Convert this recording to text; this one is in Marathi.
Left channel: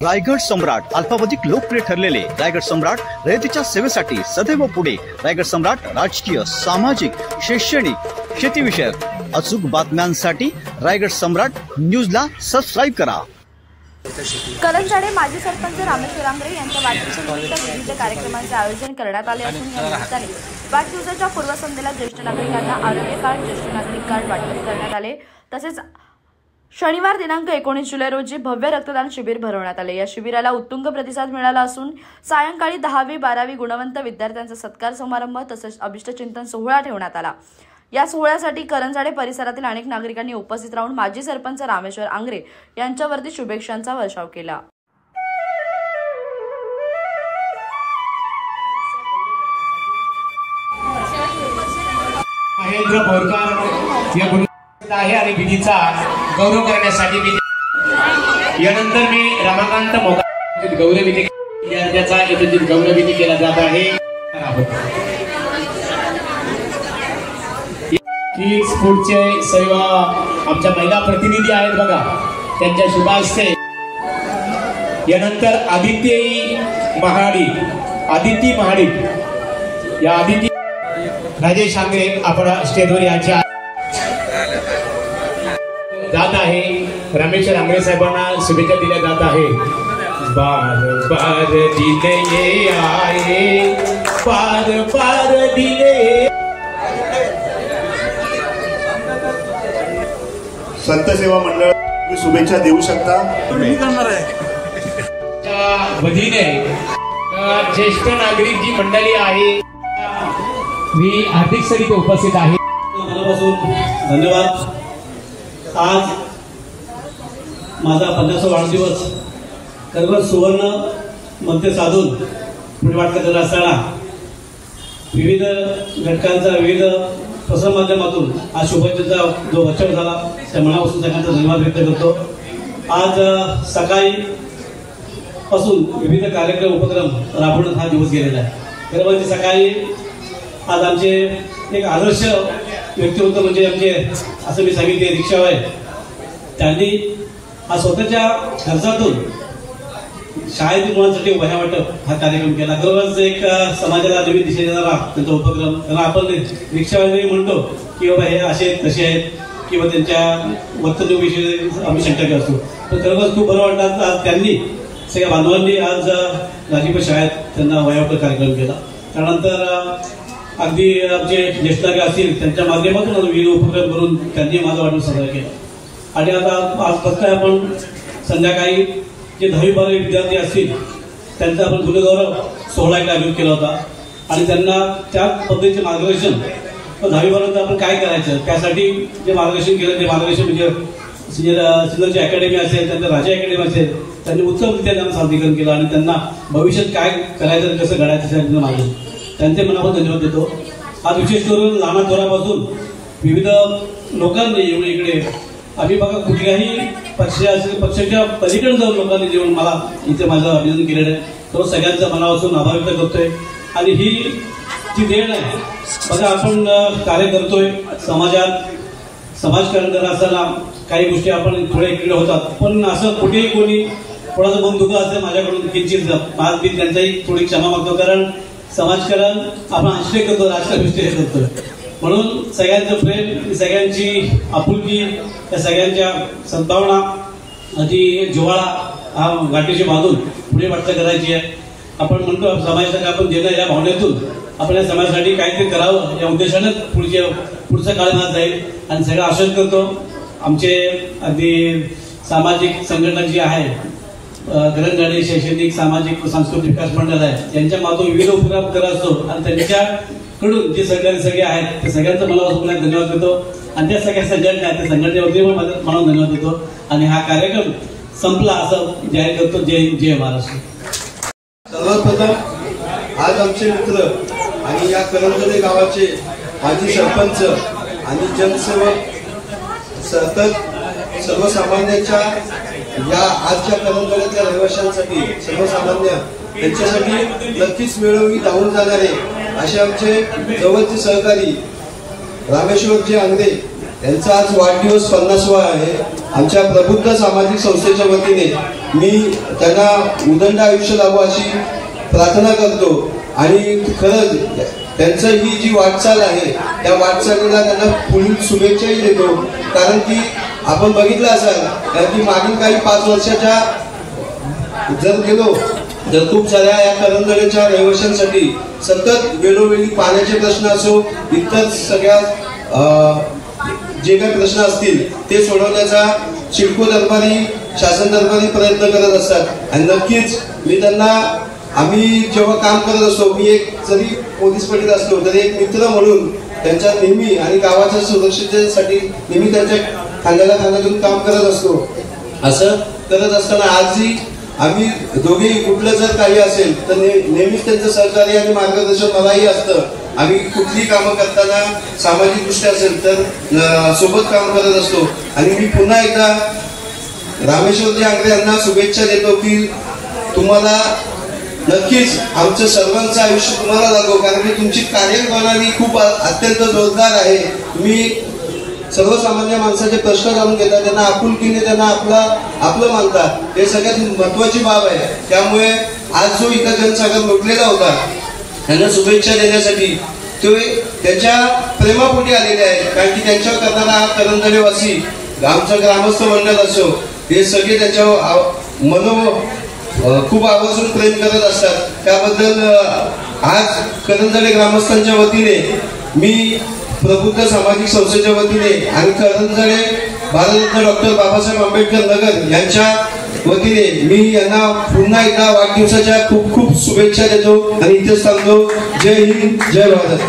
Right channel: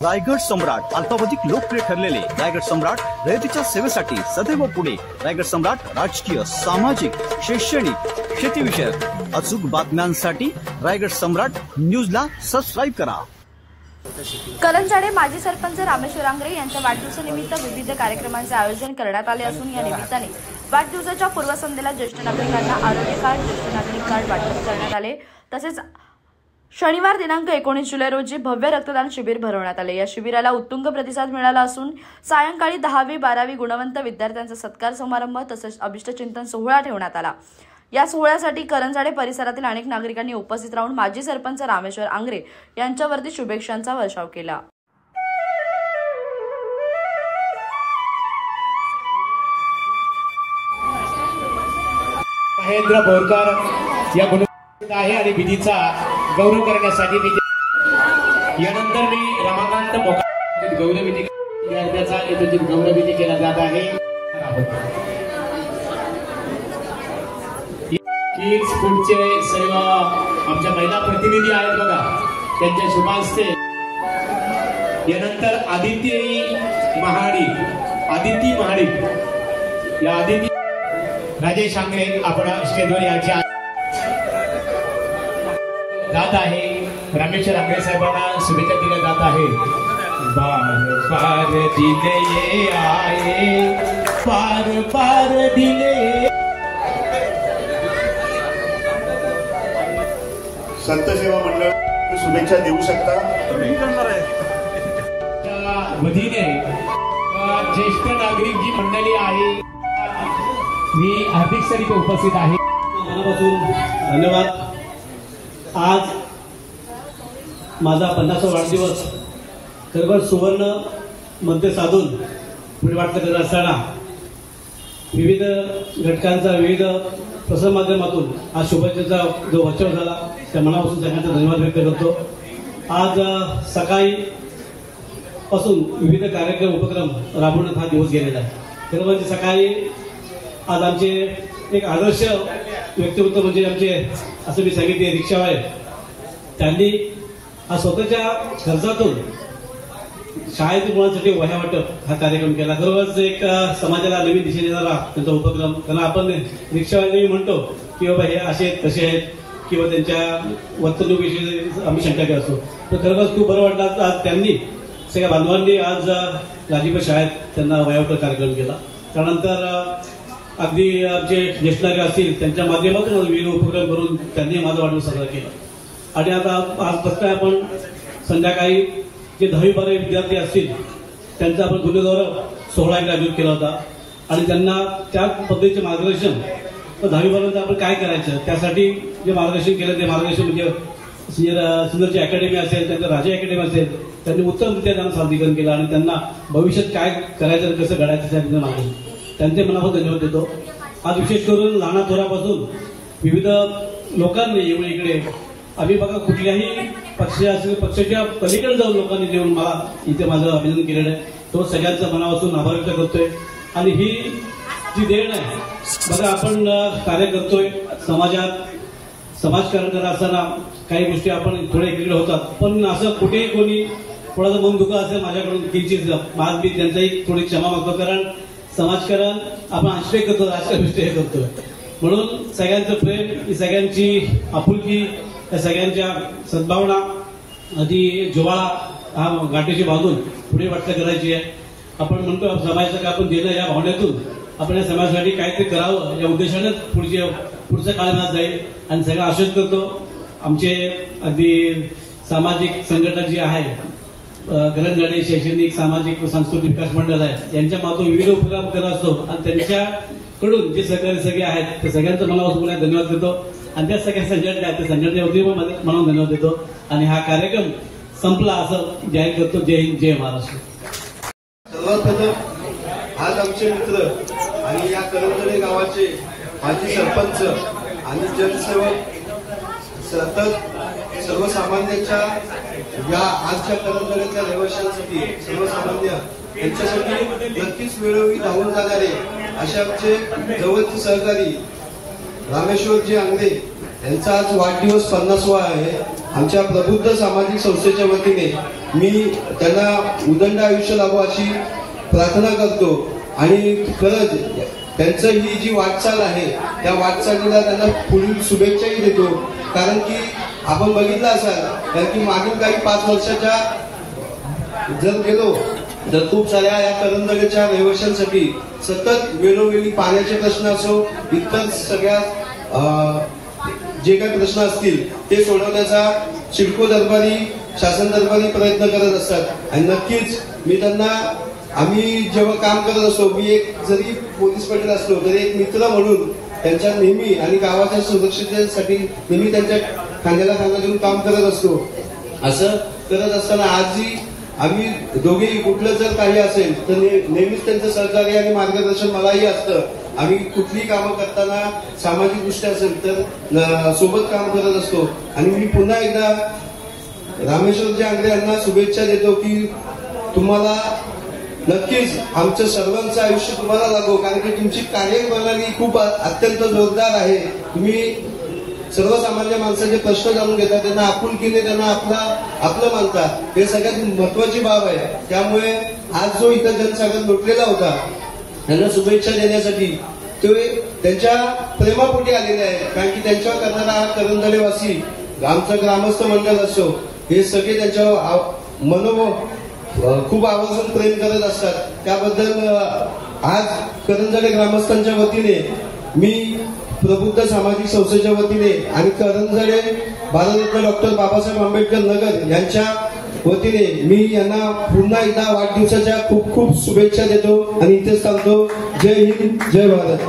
रायगड सम्राट अल्पावधीत लोकप्रिय ठरलेले रायगड सम्राट रयतेच्या सेवेसाठी सदैव पुढे। रायगड सम्राट राजकीय, सामाजिक, शैक्षणिक, शेतीविषयक अचूक बातम्यांसाठी रायगड सम्राट न्यूजला सबस्क्राईब करा। करंजाडे माजी सरपंच रामेश्वर आंग्रे यांच्या वाढदिवसानिमित्त विविध कार्यक्रमांचे आयोजन करण्यात आले असून या निमित्ताने वाढदिवसाच्या पूर्वसंध्येला ज्येष्ठ नागरिकांना आरोग्य कार्ड, ज्येष्ठ नागरिक कार्ड वाटप करण्यात आले। तसेच शनिवार दिनांक 19 जुलै रोजी भव्य रक्तदान शिबिर भरवण्यात आले। या शिबिराला उत्तुंग प्रतिसाद मिळाला असून सायंकाळी 10वी 12वी गुणवंत विद्यार्थ्यांचा सत्कार समारंभ तसेच अभिष्टचिंतन सोहळा ठेवण्यात आला। या सोहळ्यासाठी करंजाडे परिसरातील अनेक नागरिकांनी उपस्थित राहून माजी सरपंच रामेश्वर आंग्रे यांच्यावरती शुभेच्छांचा वर्षाव केला। महेंद्र बोरकर या आहे आणि विधीचा गौरव करण्यासाठी मी यानंतर मी रमाकांत मोगा गौरवविधी विद्यार्थ्याचा एकत्रित गौरवविधी केला जात आहे। ही स्पोर्टचे सर्व आमच्या महिला प्रतिनिधी आहेत बघा, त्यांच्या शुभ हस्ते यानंतर आदिती महाडिक या आदिती राजेश आंग्रे आपण स्टेजवर याची जात आहे। रामेश्वर आंग्रे साहेबांना शुभेच्छा दिल्या जात आहे। बार बार दिले आए, बार बार दिले। संत सेवा मंडळ शुभेच्छा देऊ शकता तुम्ही करणार आहे त्या वतीने ज्येष्ठ नागरिक जी मंडळी आहे मी हार्दिक सरी उपस्थित आहे। मनापासून धन्यवाद। आज माझा 50वा वाढदिवस खरोखर सुवर्ण मध्य साधून पुढे वाटत करत असताना विविध घटकांचा विविध प्रसारमाध्यमातून आज शुभेच्छेचा जो वर्षाव झाला त्या मनापासून सगळ्यांचा धन्यवाद व्यक्त करतो। आज सकाळी पासून विविध कार्यक्रम उपक्रम राबवण्यात हा दिवस गेलेला आहे। खरं म्हणजे सकाळी आज आमचे एक आदर्श व्यक्ती होतं म्हणजे आमचे असं मी सांगितले रिक्षावाले, त्यांनी आज स्वतःच्या खर्चातून शाळेतील मुलांसाठी वह्या वाटप हा कार्यक्रम केला। खरोखरच एक समाजाला नवीन दिशा देणारा त्यांचा उपक्रम। कारण आपण रिक्षावाले म्हणतो की बाबा हे असे तसे आहेत किंवा त्यांच्या वर्तणुकीविषयी आम्ही शंका घेत असतो, तर खरोखरच खूप बरं वाटलं आज त्यांनी सगळ्या बांधवांनी आज राजीपूर शाळेत त्यांना वह्या वाटप कार्यक्रम केला। त्यानंतर अगदी आमचे ज्येष्ठ नागरिक असतील त्यांच्या माध्यमातून विविध उपक्रम करून त्यांनी माझा वाढदिवस साजरा केला। आणि आता आज कसं आपण संध्याकाळी जे 10वी 12वी विद्यार्थी असतील त्यांचा आपण गुणगौरव सोहळा आयोजित केला होता आणि त्यांना त्या पद्धतीचे मार्गदर्शन 10वी 12वी आपण काय करायचं त्यासाठी जे मार्गदर्शन केलं ते मार्गदर्शन म्हणजे सिंधूची अकॅडमी असेल, त्यांचं राजा अकॅडमी असेल, त्यांनी उत्तमरित्या त्यांना सादरीकरण केलं आणि त्यांना भविष्यात काय करायचं आणि कसं घडायचं त्यासाठी मागलं। त्यांचे मनापासून धन्यवाद देतो। आज विशेष करून लहान थोरापासून विविध लोकांनी येऊन इकडे आम्ही बघा कुठल्याही पक्षाच्या पलीकडे जाऊन लोकांनी येऊन मला इथे माझं अभिनंदन केलेलं आहे, तो सगळ्यांचा मनापासून आभार व्यक्त करतोय। आणि ही जी देण आहे बघा, आपण कार्य करतोय समाजात समाजकारण करत असताना काही गोष्टी आपण थोड्या इकडे होतात, पण असं कुठेही कोणी थोडासा मन दुखलं असेल माझ्याकडून किंचित आज मी त्यांचाही थोडी क्षमा मागतो, कारण समाजकारण आपण आश्रय करतो, राष्ट्रविषय करतो, म्हणून सगळ्यांचं प्रेम, सगळ्यांची आपुलकी, त्या सगळ्यांच्या सद्भावना अति जिव्हाळा हा गाठीशी बांधून पुढे वाटचाल करायची आहे। आपण म्हणतो समाजासाठी आपण देणं या भावनेतून आपण या समाजासाठी काहीतरी करावं या उद्देशानेच पुढचा काळ माझा जाईल आणि सगळं आश्वासन करतो। आमचे अगदी सामाजिक संघटना जी आहे करंजाडे शैक्षणिक सामाजिक व सांस्कृतिक विकास मंडळ आहे यांच्या माध्यमातून विविध उपक्रम करत असतो आणि त्यांच्याकडून जे सहकारी सगळे आहेत ते सगळ्यांचा मला धन्यवाद देतो आणि त्या सगळ्या संघटना आहेत त्या संघटनेवरती पण मला धन्यवाद देतो आणि हा कार्यक्रम संपला असं जाहीर करतो। जय हिंद, जय महाराष्ट्र। सर्वप्रथम आज आमचे मित्र आणि या करंजाडे गावाचे माजी सरपंच आणि जनसेवक सतत सर्वसामान्यांच्या या आजच्या करंजाड्यातल्या रहिवाशांसाठी सर्वसामान्य त्यांच्यासाठी नक्कीच वेळोवेळी धावून जाणारे असे आमचे जवळचे सहकारी रामेश्वरजी आंग्रे यांचा आज वाढदिवस 50वा आहे आमच्या प्रबुद्ध सामाजिक संस्थेच्या वतीने मी त्यांना उदंड आयुष्य लाभो अशी प्रार्थना करतो आणि खरंच त्यांचं ही जी वाटचाल आहे त्या वाटचालीला त्यांना पुढील शुभेच्छाही देतो. कारण की आपण बघितलं असाल की मागील काही 5 वर्षाच्या जर गेलो तर खूप साऱ्या या करंजळेच्या रहिवाशांसाठी सतत वेळोवेळी पाण्याचे प्रश्न असो, इतर सगळ्या जे काही प्रश्न असतील ते सोडवण्याचा सिडको दरबारी, शासन दरबारी प्रयत्न करत असतात. आणि नक्कीच मी त्यांना, आम्ही जेव्हा काम करत असतो, मी एक जरी पोलीस पाटील असलो तरी एक मित्र म्हणून त्यांच्या नेहमी आणि गावाच्या सुरक्षिततेसाठी नेहमी त्यांच्या खांद्याला खांदा घेऊन काम करत असतो. असं करत असताना आजही आम्ही दोघेही कुठलं जर काही असेल तर नेहमीच त्यांचं सहकार्य आणि मार्गदर्शन मलाही असतं. आम्ही कुठलीही कामं करताना सामाजिक दृष्ट्या असेल तर सोबत काम करत असतो. आणि मी पुन्हा एकदा रामेश्वरजी आंग्रे यांना शुभेच्छा देतो की तुम्हाला नक्कीच आमचं सर्वांचं आयुष्य तुम्हाला लागो, कारण की तुमची कार्यप्रणाली खूप अत्यंत जोरदार आहे. तुम्ही सर्वसामान्य माणसाचे प्रश्न जाणून घेता, त्यांना आपुलकीने त्यांना आपलं मानता, हे सगळ्यात महत्वाची बाब आहे. त्यामुळे आज जो इथं जनसागर लोटलेला होता त्यांना शुभेच्छा देण्यासाठी ते त्यांच्या प्रेमापोटी आलेले आहेत. कारण की त्यांच्यावर करणारा हा करंजळेवासी, आमचं ग्रामस्थ मंडळ असो, हे सगळे त्यांच्यावर खूप आवर्जून प्रेम करत असतात. त्याबद्दल आज करंजळे ग्रामस्थांच्या वतीने, मी प्रबुद्ध सामाजिक संस्थेच्या वतीने आणि करंजळे भारतरत्न डॉक्टर बाबासाहेब आंबेडकर नगर यांच्या वतीने मी यांना पुन्हा एकदा वाढदिवसाच्या खूप खूप शुभेच्छा देतो आणि इथेच थांबतो. जय हिंद, जय भारत.